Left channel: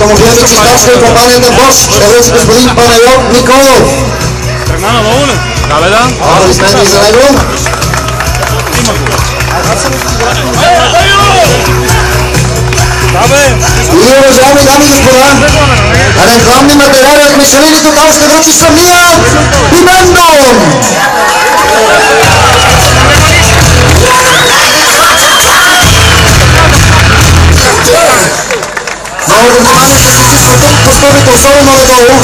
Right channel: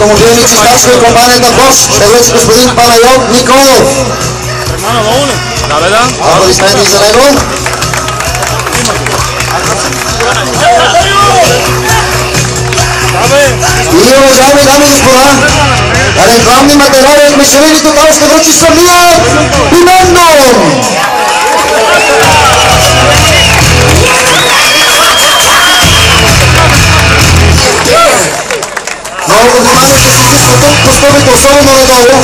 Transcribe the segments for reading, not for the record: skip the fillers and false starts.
автомобилни чистачки от компанията Bosch ще връчи господин Панайот Николов. Аплодисменти за него. И уважаеми дами и господа, рекламни материали от Мишелин Тотал ще връчи самият Бимендон. Много внимание ще се изисква тук по стълбите, особено надолу.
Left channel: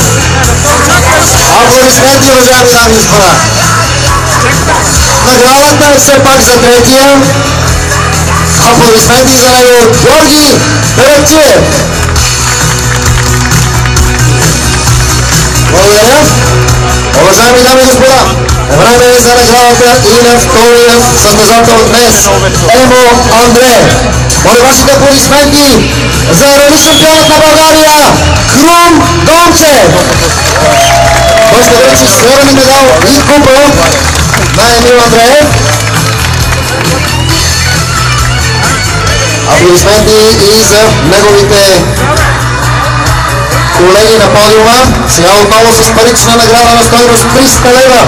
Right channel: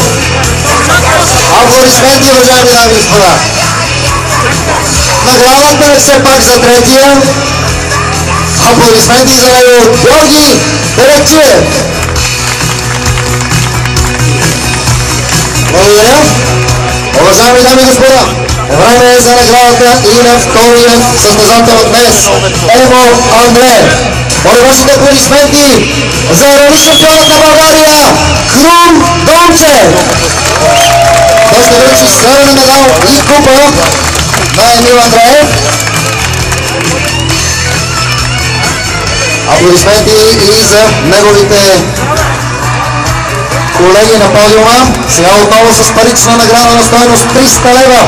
Аплодисменти, уважаеми дами и господа. Наградата е все пак за третия. Аплодисменти за него Георги Беречиев. Благодаря. Уважаеми дами и господа, време е за наградата и на втория състезател днес. Ево Андреев. Моля вашите аплодисменти за рали шампионът на България Крум Дончев. Той ще връчи сребърен медал и купа на Емил Андреев. Аплодисменти и за неговите колеги на подиума. Сега отново с парична награда на стойност 300 лева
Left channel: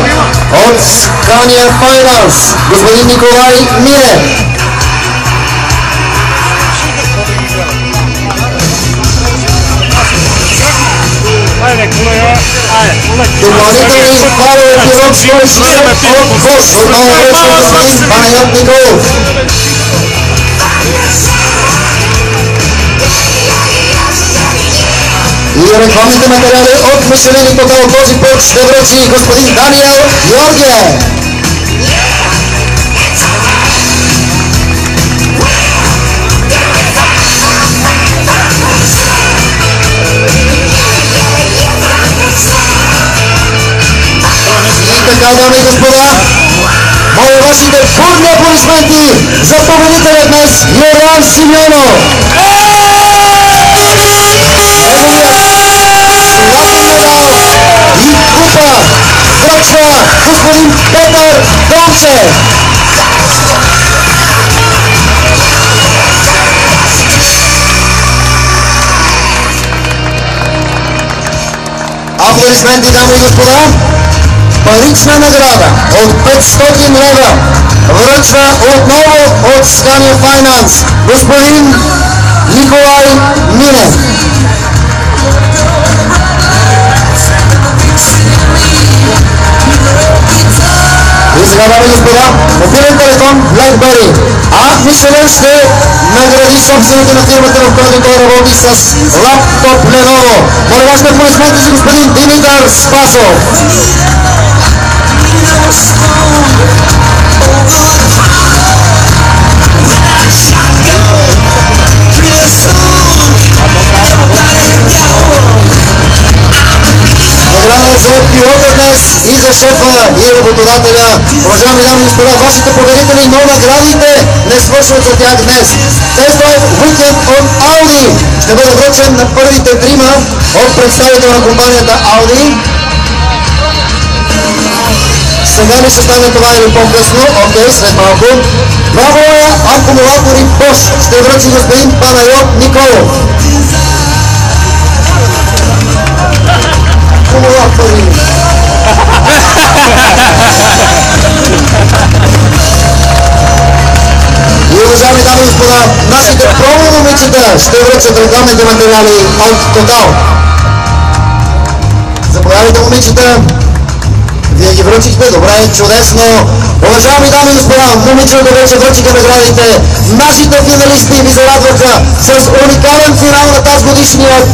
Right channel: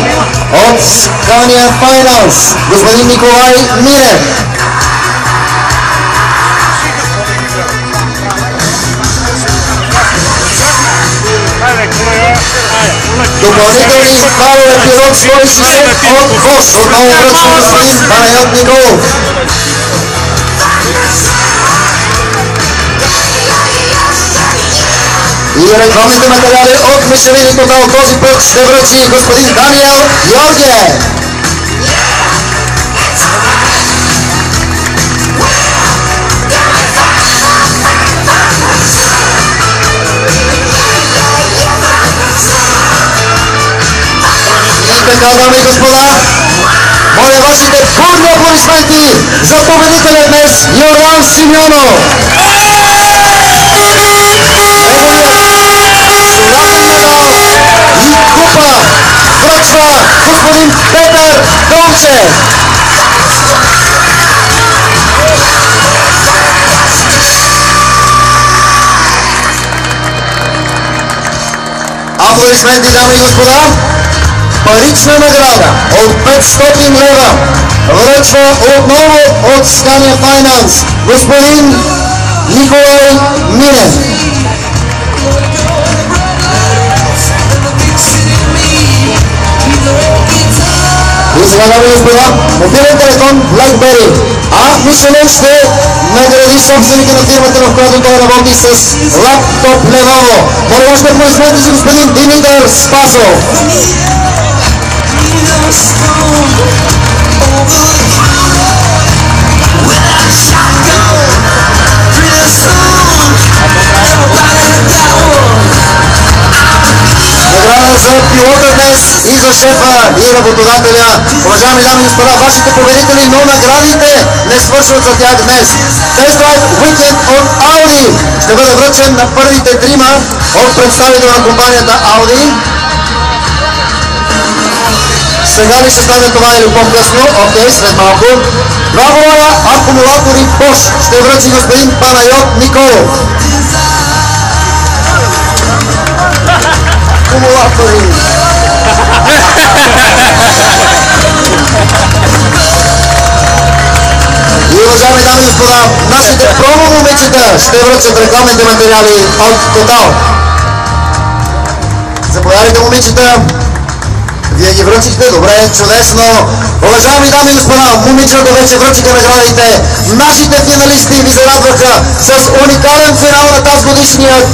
от Scania Finance. Господин Николай Милев. Допълнителни балове пилот 160 от Bosch. Отново връчва господин Панайот Николов. И рекламните материали от Мишелин Тотал този път ще връчи господин Даниел Георгиев. И така, дами и господа, моля вашите бурни аплодисменти за победителя днес Йордан Симеонов. И купа връчва господин Петър Дончев. Аплодисменти, дами и господа. Парична награда от 500 лева връчва отново от Scania Finance господин Николай Минев. И сега, дами и господа, мобилен телефон BlackBerry. А Мишелин ще награди собствените на фирмата, в която той работи, с лаптоп Lenovo. Моля вашите аплодисменти за господин Димитър Спасов. Награда за пилота днес и за шефа и работодателя. Уважаеми дами и господа, вашите победители, но наградите не свършват за тях днес. Тест драйв уикенд от Audi ще бъде връчен на първите трима от представител на компанията Audi. Сега ли ще стане това или по-късно? Окей, след малко. 2 воя акумулатори Bosch ще връчи господин Панайот Николов. Акумулатори. И уважаеми дами и господа, нашите промо момичета ще връчат рекламните материали от Total. Заповядайте, момичета. Вие ги връчихте? Добре, чудесно. Уважаеми дами и господа, момичета вече връчиха наградите. Нашите финалисти ви зарадваха с уникален финал на тази годишният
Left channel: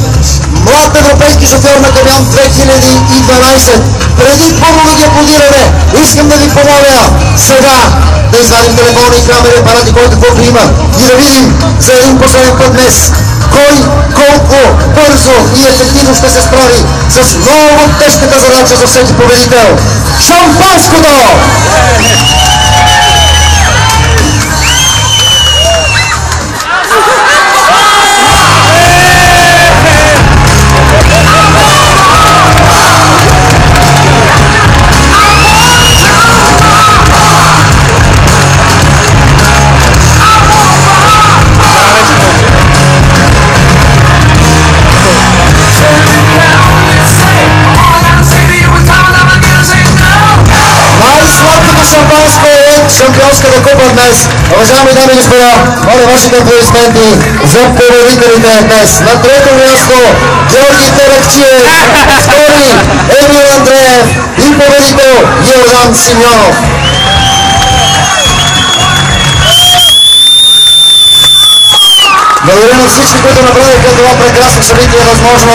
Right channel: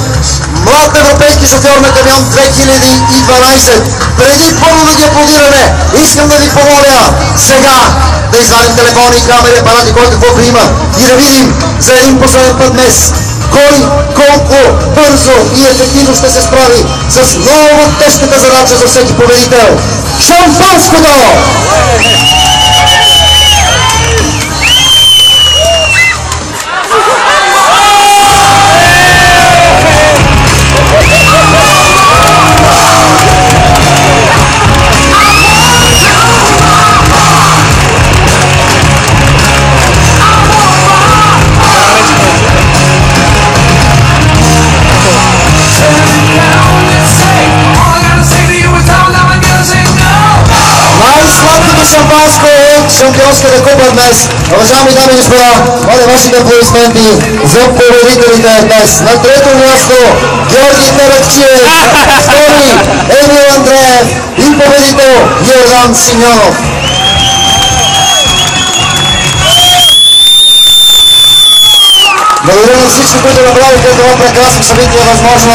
млад европейски шофьор на камион 2012. Преди първо да ги аплодираме, искам да ви помоля сега да извадим телефони, камери, апарати, който каквото има и да видим за един последен път днес кой колко бързо и ефективно ще се справи с много тежката задача за всеки победител. Шампанското! купа днес. Уважаеми дами и господа, моля вашите аплодисменти за победителите днес. На трето място Георги Таракчиев, втори Емил Андреев и победител Йордан Симеонов. Благодаря на всички, които направиха това прекрасно събитие възможно.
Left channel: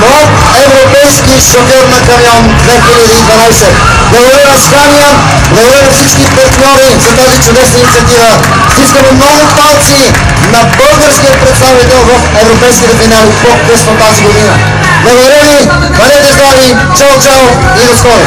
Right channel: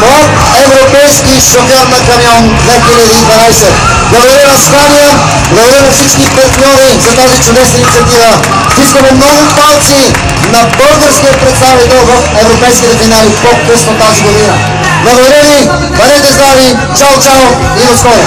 Млад европейски шофьор на камион 2012. Благодаря на Скания, благодаря на всички партньори за тази чудесна инициатива. Искаме много палци на българския представител в европейските финали по-късно тази година. Благодаря ви, бъдете здрави, чао, чао и до скоро!